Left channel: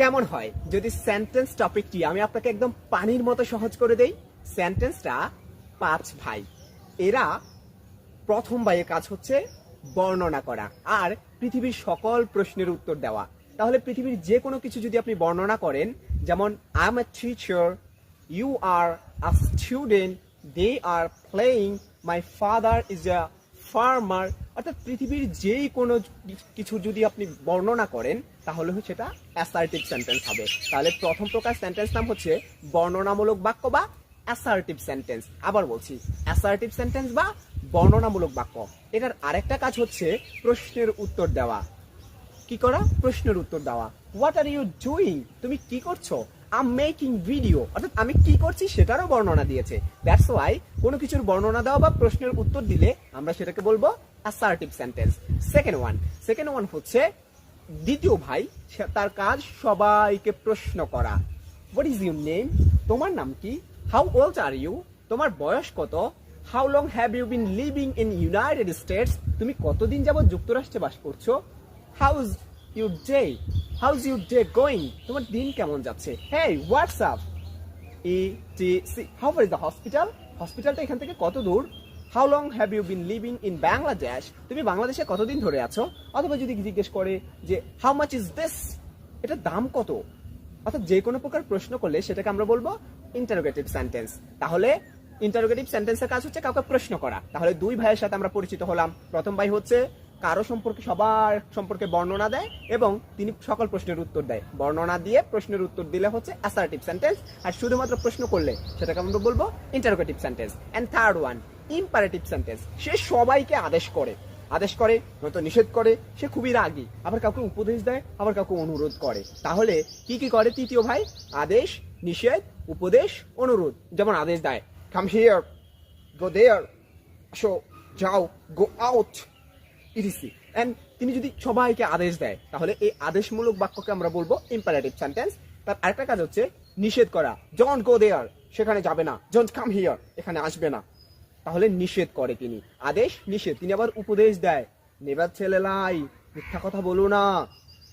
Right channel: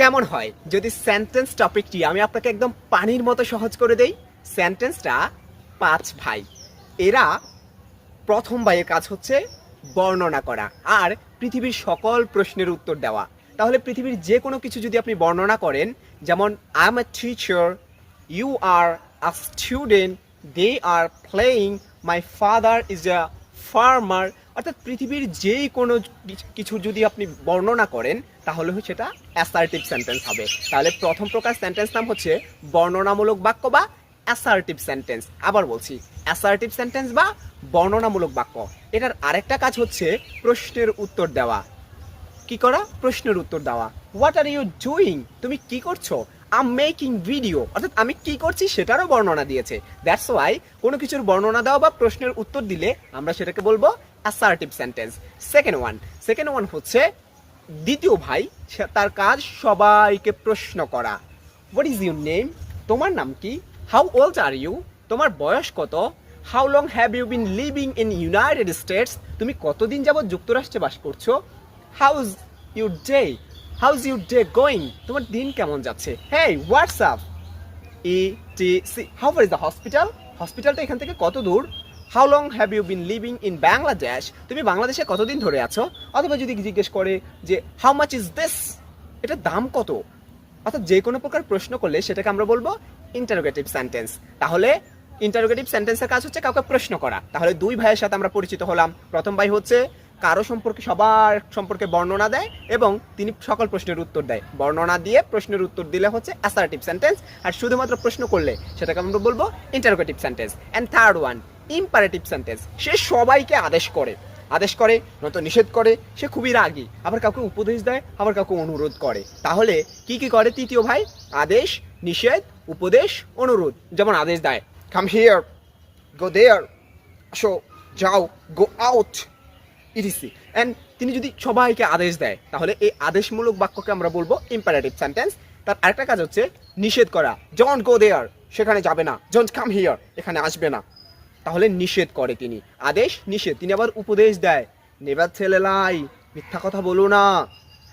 কেমন হয় যদি সেন্টেন্স টপিকটি আমি আপনাকে একদম পানির মতো সহজ করে দেই? সেন্টেন্সটা 5 ভাই। এরা প্রথম ভাইয়ের কাজ হচ্ছে বর্ণনা করা আর পৃথিবীর সকল প্রশ্নের উত্তর দেওয়া। তাহলে পৃথিবীর যে কোনো কিছু যদি আপনি বর্ণনা করেন, যেমন I am a teacher, you are a student, they are playing, my father is a farmer, অর্থাৎ পৃথিবীর যেই কোনো কিছু যদি আপনি বর্ণনা করেন তাহলে সেটা অ্যাসার্টিভ সেন্টেন্স হবে। তাহলে প্রথম প্রকার সেন্টেন্স নাম হচ্ছে বর্ণনামূলক বাক্য বা অ্যাসার্টিভ সেন্টেন্স। আবার বলছি, অ্যাসার্টিভ সেন্টেন্স বা বর্ণনামূলক বাক্য। এটার আরেকটা কাজ হচ্ছে প্রশ্নের উত্তর দেওয়া। কি করা? প্রশ্নের উত্তর দেওয়া। What are you doing? তুমি কি করছো? আম মেকিং ভিডিও, অর্থাৎ আমি কি করছি সেটারও বর্ণনা দিয়েছে। দ্যাটস ওয়াই কোনো কিছুর বর্ণনা দেওয়া বা প্রশ্নের উত্তর দিলে আমরা সেটাকে বলবো অ্যাসার্টিভ সেন্টেন্স। সেকেন্ড ওয়ান হচ্ছে দ্বিতীয় ভাই, তার কাজ সবাইকে প্রশ্ন করা। What is your name? তোমার নাম কি? How old are you? তোমার বয়স কত? How long have you been living in United States? তুমি কতদিন যাবত যুক্তরাষ্ট্রে বাস করছো? How's your day? How's your day going? তোমার দিন কেমন যাচ্ছে? Hey, what's up? ETC, how far is the hospital? হসপিটালটা এখান থেকে কত দূর? How long have you been living in Bangladesh? তুমি বাংলাদেশে কতদিন ধরে আছো? অথবা যদি জিজ্ঞেস করে যে হাউ মাচ ইজ দিস? এটার দাম কত? অর্থাৎ যে কোনো প্রকার প্রশ্ন করলে সেটাকে আমরা বলবো ইন্টারোগেটিভ সেন্টেন্স। তাহলে ইন্টারোগেটিভ সেন্টেন্সের কাজ হচ্ছে কাউকে প্রশ্ন করা। তাহলে দুই ভাইয়ের সাথে আমরা পরিচিত হলাম। প্রথম ভাই হচ্ছে কারো সম্পর্কে, সবার সম্পর্কে বর্ণনা দেয় এবং তিনি সকল প্রশ্নের উত্তর দেয়। বর্ণনা দিয়ে প্রশ্নের উত্তর দিলে হচ্ছে অ্যাসার্টিভ সেন্টেন্স, আর শুধুমাত্র প্রশ্ন করলে সেটাকে আমরা বলবো interrogative sentence. And third one, imperative sentence. সে সবাইকে আদেশ করে, নয়তো নিষেধ করে। সে খুবই রাগী, আবার কাউকে উপদেশ দেয়, আবার কাউকে অনুরোধ করে। তাহলে কি কি করে তৃতীয় ভাই? আদেশ, নিষেধ, উপদেশ, অনুরোধ। যেমন আদেশ দেয়, কাম হিয়ার, গো দেয়ার, আসো, যাও, গো আউট, ইটিসি। অ্যান্ড তিনি যদি সবাইকে আদেশ দেয় তাহলে এই আদেশমূলক বাক্যকে আমরা বলবো ইম্পারেটিভ সেন্টেন্স। তার আরেকটা কাজ হচ্ছে নিষেধ করা। ডোন্ট গো দেয়ার, সেখানে যাবে না। ডোন্ট কাম হিয়ার, এখানে আসবে না। তাহলে নিষেধ করে তিনি। আদেশ, নিষেধ। তিনি আবার উপদেশ দেয়, নেবার ছেলে লাই, মিথ্যা কথা বলো না।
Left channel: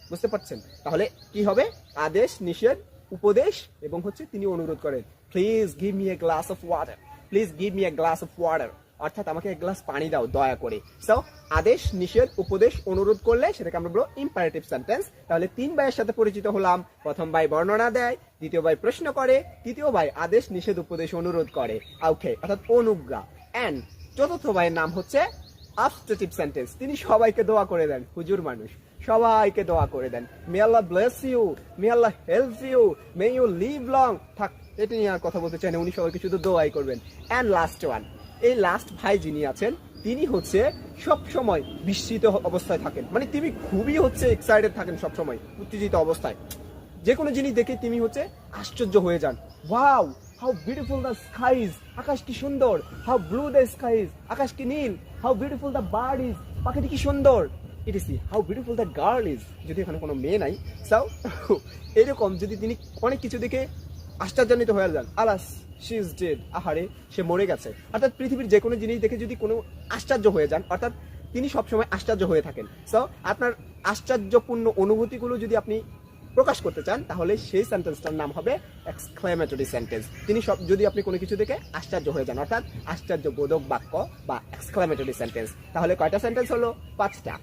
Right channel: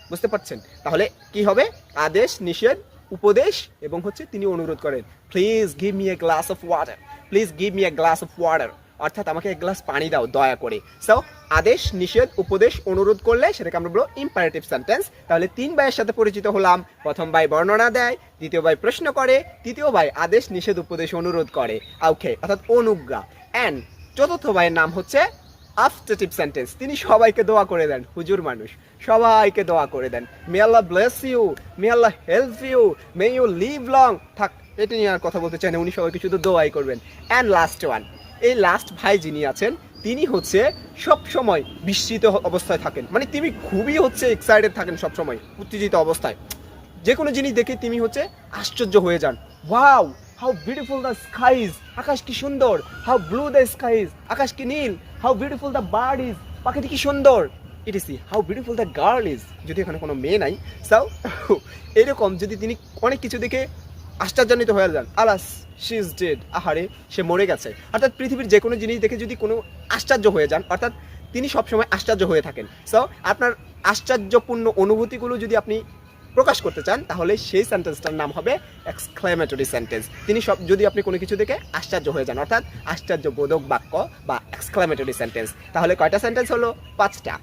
বুঝতে পারছেন? তাহলে কি হবে? আদেশ, নিষেধ, উপদেশ এবং হচ্ছে তিনি অনুরোধ করেন, please give me a glass of water, please give me a glass of water, অর্থাৎ আমাকে এক গ্লাস পানি দাও দয়া করে। সো আদেশ, নিষেধ, উপদেশ, অনুরোধ করলে সেটাকে আমরা বলবো ইম্পারেটিভ সেন্টেন্স। তাহলে তিন ভাইয়ের সাথে পরিচিত হলাম। প্রথম ভাই বর্ণনা দেয়, দ্বিতীয় ভাই প্রশ্ন করে, তৃতীয় ভাই আদেশ, নিষেধ, উপদেশ, অনুরোধ করে, ওকে, অর্থাৎ অনুজ্ঞা। অ্যান্ড চতুর্থ ভাইয়ের নাম হচ্ছে আফটারটিভ সেন্টেন্স। তিনি সবাইকে দোয়া করে দেন। হুজুর মানুষ, সবাইকে দোয়া করে দেন। May Allah bless you, may Allah help you, may you live long. থাক, এটা নিয়ে আর কথা বলতে চাই না, উনি সবাইকে শুধু দোয়াই করবেন। অ্যান্ড লাস্ট ওয়ান, এই লাস্ট ভাই যিনি আছেন তিনি হচ্ছে সব সময় বিস্মিত অবস্থায় থাকেন। মানে তিনি খুবই হচ্ছে এক্সাইটেড থাকেন, সব সময় উত্তেজিত অবস্থায়। যে কোনো জিনিস দেখে তিনি হচ্ছে আশ্চর্য হয়ে যান। Wow, how beautiful the skies, আকাশ কি সুন্দর। হাউ ব্লু দ্য স্কাইজ, আকাশ কি নীল। How beautiful the bird is, পাখিটি কি সুন্দর। ETC, how beautiful the girl is, যদি এখানে কোনো মেয়ে নাই। সাও এরকম যদি তিনি অনেক কিছু দেখে আশ্চর্যান্বিত হয়ে যান, আলাস শি ইজ ডেড, আহারে সে মরে গেছে। অর্থাৎ পৃথিবীর যে কোনো জিনিস দেখে যদি কোনো আশ্চর্য হয়ে যান, অর্থাৎ তিনি সবসময় আশ্চর্য হয়ে থাকেন। সো আপনার আশ্চর্যপূর্ণ অনুভূতিগুলো যদি আপনি প্রকাশ করতে চান তাহলে সেই সেন্টেন্সটার নাম হবে এক্সক্লেমেটরি সেন্টেন্স। তিনি সব, যদি আপনি কোনো কিছু দেখে আশ্চর্য হয়ে যান, অর্থাৎ আশ্চর্যবোধক বাক্য বা এক্সক্লেমেটরি সেন্টেন্স। তাহলে কয়টা সেন্টেন্স হলো? 5টা।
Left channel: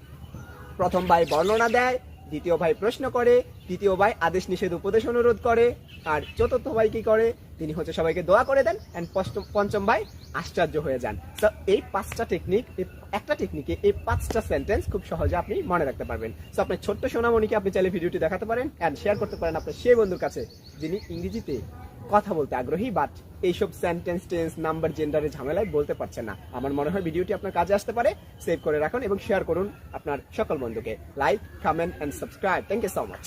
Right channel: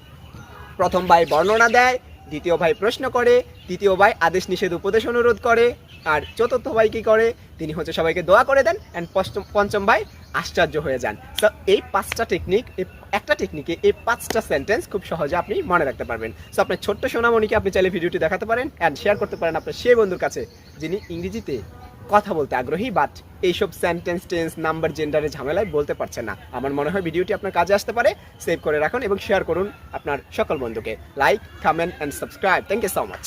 প্রথম ভাই বর্ণনা দেয়, দ্বিতীয় ভাই প্রশ্ন করে, তৃতীয় ভাই আদেশ, নিষেধ, উপদেশ, অনুরোধ করে, আর চতুর্থ ভাই কি করে? তিনি হচ্ছে সবাইকে দোয়া করে দেন। অ্যান্ড পঞ্চম ভাই আশ্চর্য হয়ে যান। সো এই 5টা টেকনিক, একটা টেকনিকে এই 5টা সেন্টেন্স খুব সহজে আপনি মনে রাখতে পারবেন। সো আপনার ছোট্ট সোনামণিকে আপনি চাইলে ভিডিওটি দেখাতে পারেন অ্যান্ড শেয়ার করতে পারেন আপনার সেই বন্ধুর কাছে যিনি ইংরেজিতে কথা বলতে আগ্রহী বাট এইসব সেন্টেন্স, টেন্স, নাম্বার, জেন্ডারের ঝামেলায় বলতে পারছে না। আমার মনে হয় ভিডিওটি আপনার কাজে আসতে পারে। সেভ করে রাখুন এবং শেয়ার করুন আপনার সকল বন্ধুকে। Like, comment and subscribe. Thank you so much.